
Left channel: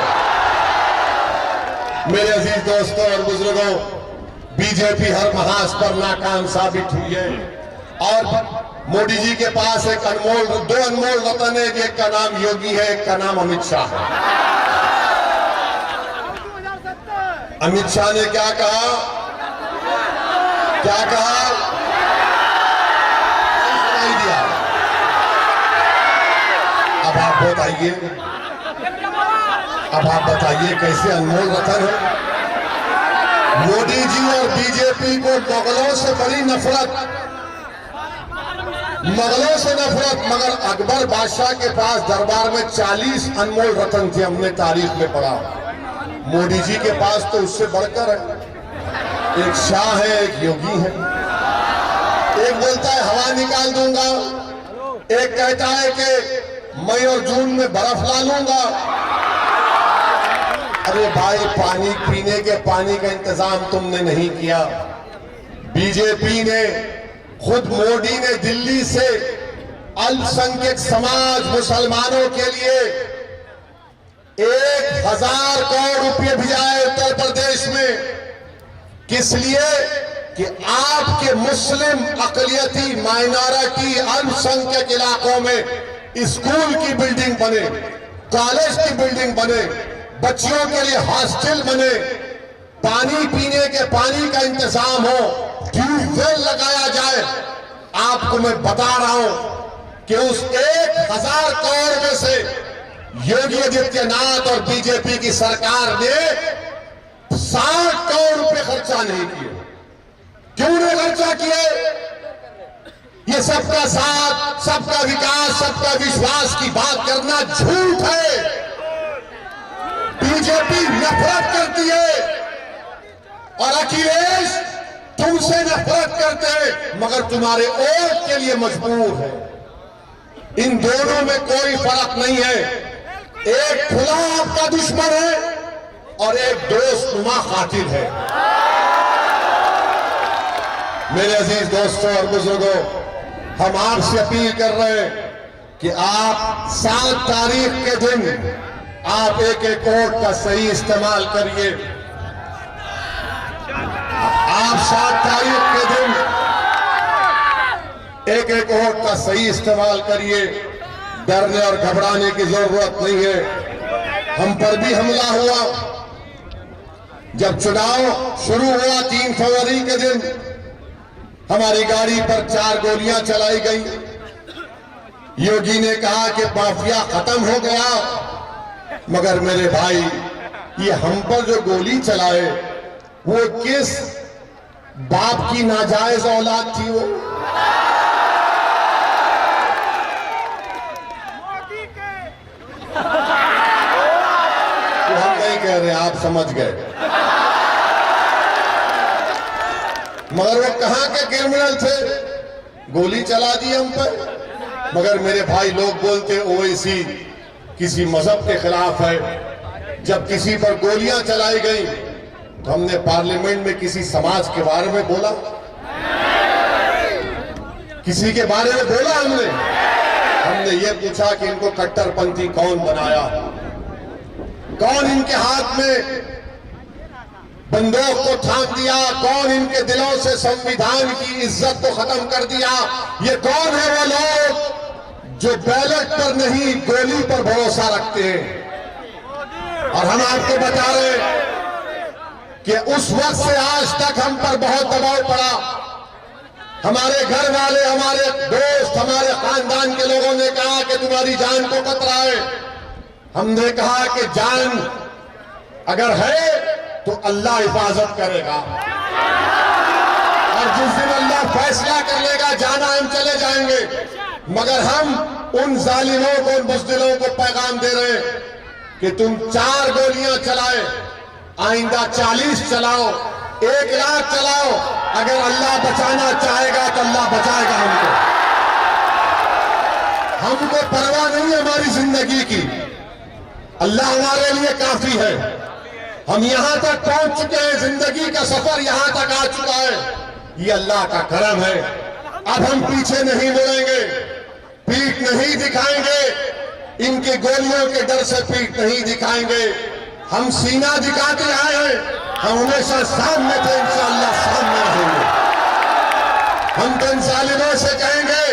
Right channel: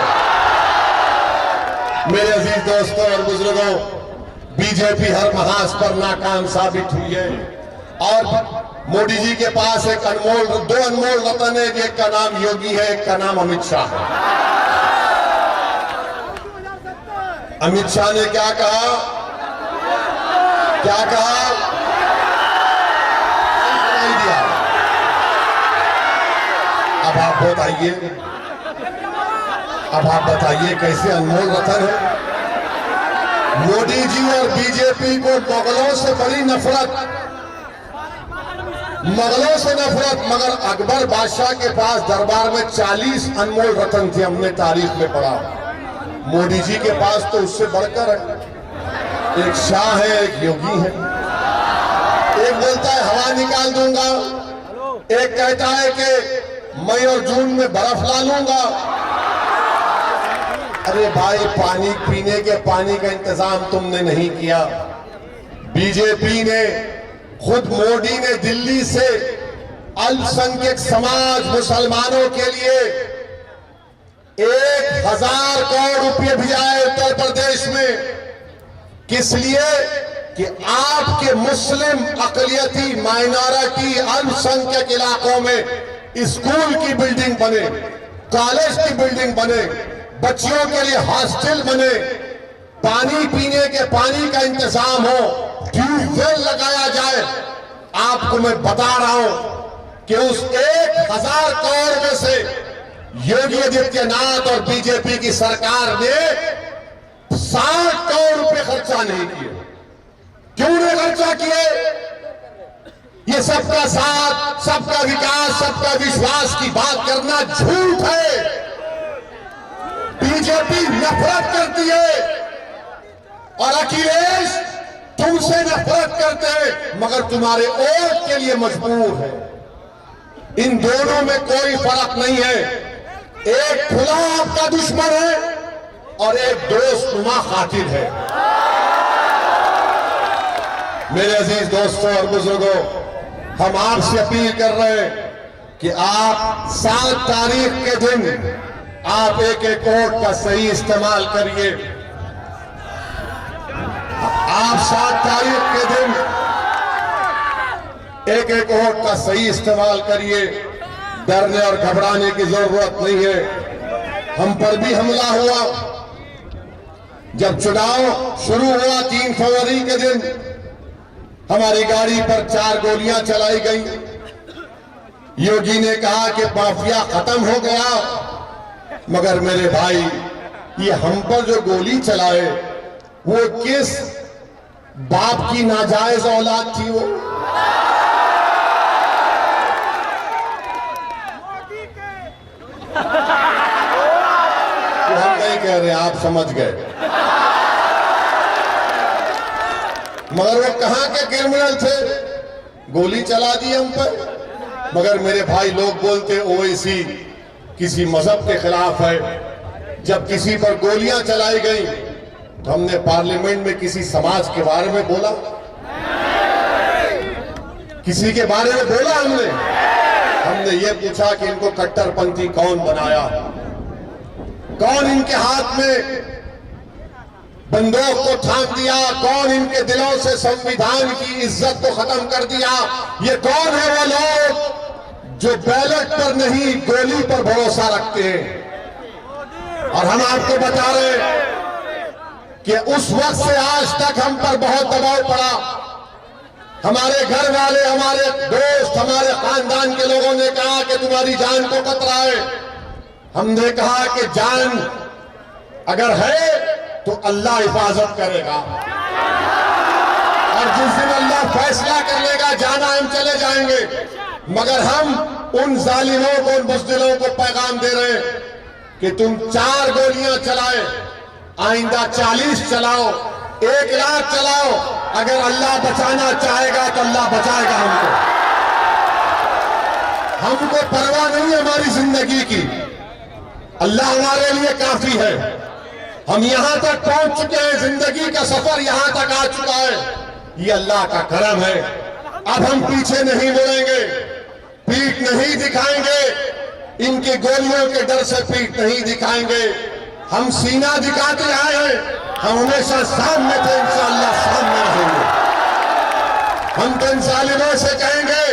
मेरे अजीज दोस्तों और बुजुर्गों, बीजेपी हर महाज पर नाकाम साबित हुई है। और मोदी जी के पास एक दो अनमोल रतन है, एक का नाम योगी है, एक का नाम अमित शाह है। अमित शाह ने क्या कहा? क्या कहा? दिया। अब आप बताइए, कैसे अनमोल रतन है? मोदी जी और बीजेपी को मुगलों से बड़ी नफरत, मगर अकबर बादशाह के पास दरबार में 40 अनमोल रतन थे, हमने तारीख में पढ़ा। मोदी जी के पास तो उससे बढ़कर है, एक शाह है, एक योगी है। एक बोलता है हवा निकाल दूंगा, एक कहता है कि मई और जून में बर्फ ला लूंगा। अरे भाई, पानी पीने के पानी का इंतजाम तुमने नहीं किया। बीजेपी ने, खुद मोदी ने दिल्ली से अल्पसंख्यक समाज मुसलमानों के लिए 1000 करोड़ रुपए भिजाए उत्तर प्रदेश में। किस लिए? कि आपके मुस्लिम अकलियती माइनॉरिटी अल्पसंख्यक इलाकों में स्कूल की बिल्डिंग बने, कॉलेज की बिल्डिंग बने, बच्चियों के लिए हॉस्टल बने, पानी पीने के पानी का इंतजाम हो, ट्यूबवेल लगाया जाए। आपको मैं बता रहा हूं कि उस 1000 करोड़ में से योगी आदित्यनाथ और बीजेपी की सरकार ने 60 करोड़ रुपए खर्चा नहीं किए। क्यों नहीं खर्चा किए? ये सबका साथ, सबका विकास, सबका विश्वास की बात करना झूठ है। बीजेपी नफरत करती है और अखिलेश तुमसे नफरत करते हैं, मगर तुम्हारे वोट के लिए मजबूर है। इन दोनों में कोई फर्क नहीं है। एक खुला आपका दुश्मन है और एक दोस्तनुमा कातिल है। मेरे अजीज दोस्तों और बुजुर्गों, हम आपसे अपील कर रहे हैं कि आप 7 तारीख के दिन आप एक वोट का सही इस्तेमाल करिए। आप 7 तारीख के दिन एक वोट का सही इस्तेमाल करिए। डरने और घबराने की जरूरत नहीं है। हम पर भी हमला हुआ, जब चुनाव शुरू हुआ 3 फरवरी के दिन हमारी गाड़ी पर 4 गोलियां चलाई गई। योगी ने कहा कि माफिया खत्म हो गया, मगर मेरे भाई, ये हम पर जो गोली चलाए वो किस बाप की नाजायज औलाद थी? वो तो हम नहीं कह रहे, आप समझ गए। मगर वो कहां के क्रिमिनल थे? गोली चला दी हम पर। मगर मेरे भाई, लोग बोलते ओवैसी किसी मजहब के खिलाफ है। जब किसी पर गोलियां चलाई गई तो हमने पार्लियामेंट में किसी समाज के बारे में बोला? किसी के बारे में बोला? हमने ये पूछा कि इनको कट्टरपंथी कौन बनाया, कौन इनके हाथ में बंदूक को थाम दिया, कौन इनके दिलों से संविधान की इज्जत को खत्म कर दिया? ये कौन है वो लोग जो बैलेट पर नहीं गोली पर भरोसा रखते हैं? और हम आपको बता रहे हैं कि उस वक्त से आज तक हम पर बहुत दबाव पड़ा। हमारे घर वाले, हमारे दोस्त, हमारे खानदान के लोगों ने कहा कि तुम्हारी जान को खतरा है। हमने कहा कि जान अगर है तो अल्लाह हिफाजत करेगा, और जिस दिन अल्लाह फैसला कर लेगा जाना, हम चले जाएंगे। मगर हम उन जालिमों को, उन बुज़दिलों को पैगाम दे रहे हैं कि तुम 4 गोलियां चलाए, आइंदा 40 चलाओ, 1 लाख चलाओ, अगर अल्लाह बचाना चाहेगा तो अल्लाह बचाएगा हमको। हमको परवाह नहीं है हमारी जिंदगी की, अल्लाह हमारे लिए काफी है। हम यहां तक पहुंच चुके हैं, जिंदगी का सफर यहां तक आ चुका है, ये अल्लाह का करम है। अब हम पीछे नहीं मुड़ेंगे, पीठ नहीं दिखाएंगे, इनकी गोलियों के डर से पीठ नहीं दिखाएंगे। हम सीना दिखाते आए हैं, हम हमेशा सामने थे, इंशाअल्लाह सामने रहेंगे। हम तो इन जालिमों से कहेंगे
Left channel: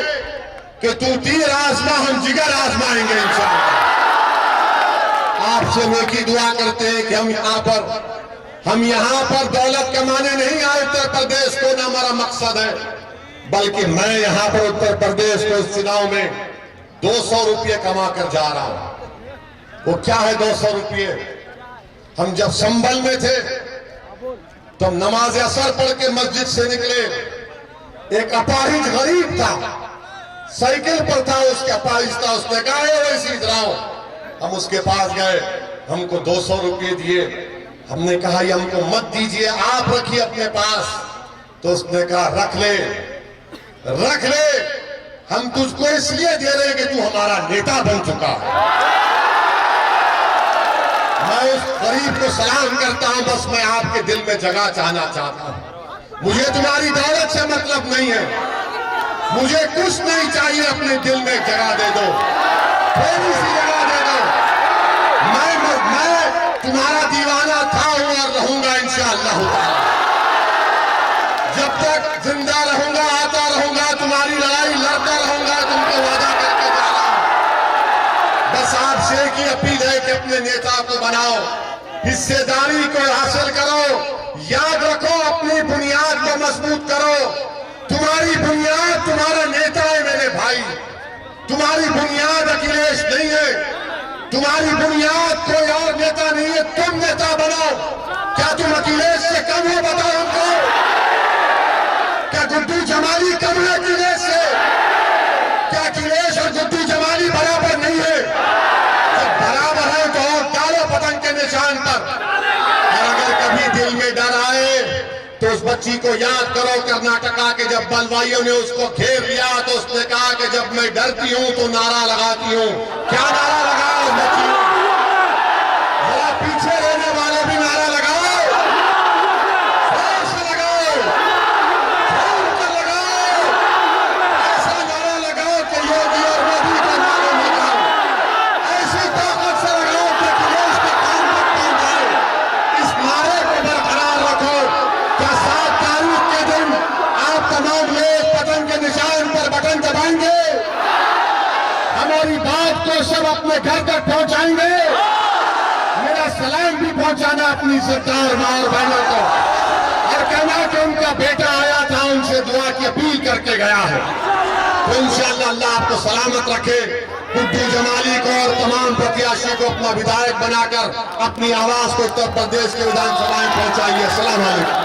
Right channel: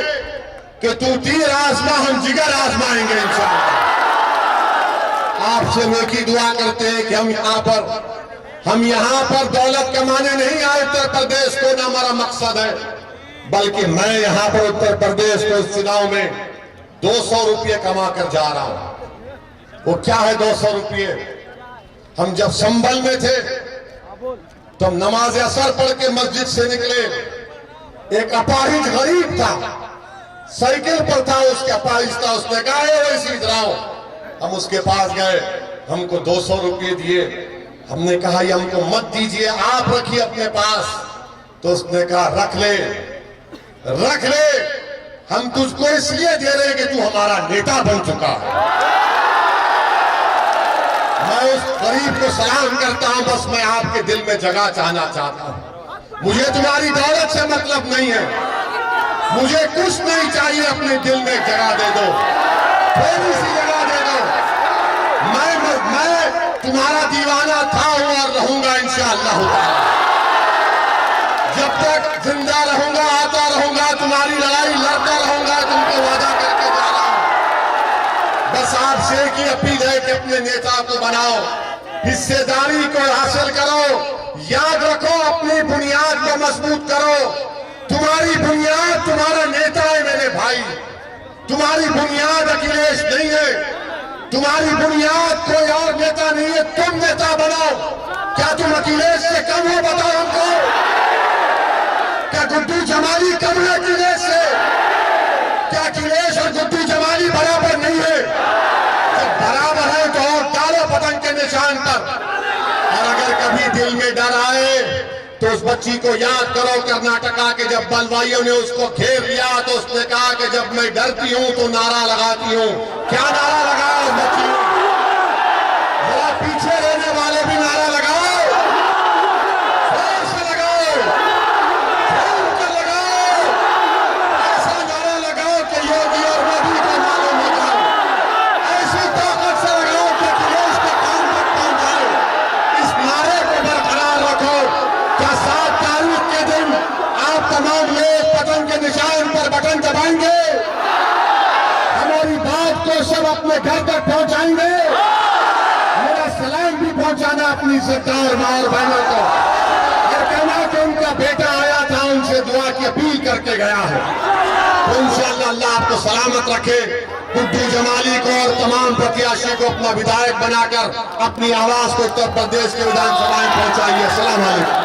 कि तू तीर आजमा, हम जिगर आजमाएंगे इंशाअल्लाह। आपसे नेकी दुआ करते हैं कि हम यहां पर दौलत कमाने नहीं आए उत्तर प्रदेश को, ना हमारा मकसद है, बल्कि मैं यहां पर उत्तर प्रदेश को इस चुनाव में 200 रुपये कमा कर जा रहा हूं। वो क्या है 200 रुपये? हम जब संभल में थे तो हम नमाज असर पढ़ के मस्जिद से निकले, एक अपाहिज गरीब था, साइकिल पर था, उसके अपाहिज था, उसने कहा वैसे इधर आओ। हम उसके पास गए, हमको 200 रुपये दिए। हमने कहा ये हमको मत दीजिए, आप रखिए अपने पास। तो उसने कहा रख ले, रख ले, हम तुझको इसलिए दे रहे हैं कि तू हमारा नेता बन चुका है। मैं उस गरीब को सलाम करता हूं, बस मैं आपके दिल में जगह चाहना चाहता हूं। मुझे तुम्हारी दौलत से मतलब नहीं है, मुझे कुछ नहीं चाहिए, अपने दिल में जगह दे दो, थोड़ी सी जगह दे दो। मैं तुम्हारा दीवाना था हूं और रहूंगा इंशाअल्लाह। जब तक जिंदा रहूंगा, आता रहूंगा, तुम्हारी लड़ाई लड़ता रहूंगा, तुमको वादा करके जा रहा हूं। बस आपसे की अपील है कि अपने नेता को बनाओ, हिस्सेदारी को हासिल करो, याद रखो अपनी बुनियाद को मजबूत करो। तुम्हारी बुनियाद तुम्हारा नेता है मेरे भाई, तुम्हारी बुनियाद अखिलेश नहीं है, तुम्हारी बुनियाद कोई और नेता नहीं है, तुम नेता बनाओ। क्या तुम अखिलेश से कम हो? बताओ हमको, क्या गुड्डू जमाली कम है अखिलेश से? क्या अखिलेश और गुड्डू जमाली बराबर नहीं है? जब बराबर है तो और डालो पतंग के निशान पर। और अगर कभी दिल में डर आए तो उस बच्ची को याद करो, कर्नाटका के जब बलवाइयों ने उसको घेर लिया तो उसने कहा कि जब मैं डरती हूं तो नारा लगाती हूं। क्या नारा लगाओ बच्ची? जरा पीछे रहने वाले भी नारा लगाओ, जोर से लगाओ, जोर कर लगाओ, ऐसा नारा लगाओ कि योगी और मोदी को मालूम हो जाए, ऐसी ताकत से लगाओ कि अखिलेश के कान तक पहुंच जाए। इस नारे को बरकरार रखो। क्या 7 तारीख के दिन आप तमाम लोग पतंग के निशान पर बटन दबाएंगे? हमारी बात को सब अपने घर तक पहुंचाएंगे? मेरा सलाम भी पहुंचाना अपनी सरदार माँ और बहनों को, और कहना कि उनका बेटा आया था, उनसे दुआ की अपील करके गया है। तो इंशाअल्लाह अल्लाह आपको सलामत रखे। गुड्डू जमाली को और तमाम प्रत्याशी को अपना विधायक बनाकर अपनी आवाज को उत्तर प्रदेश के विधानसभा में पहुंचाइए। अस्सलाम वालेकुम।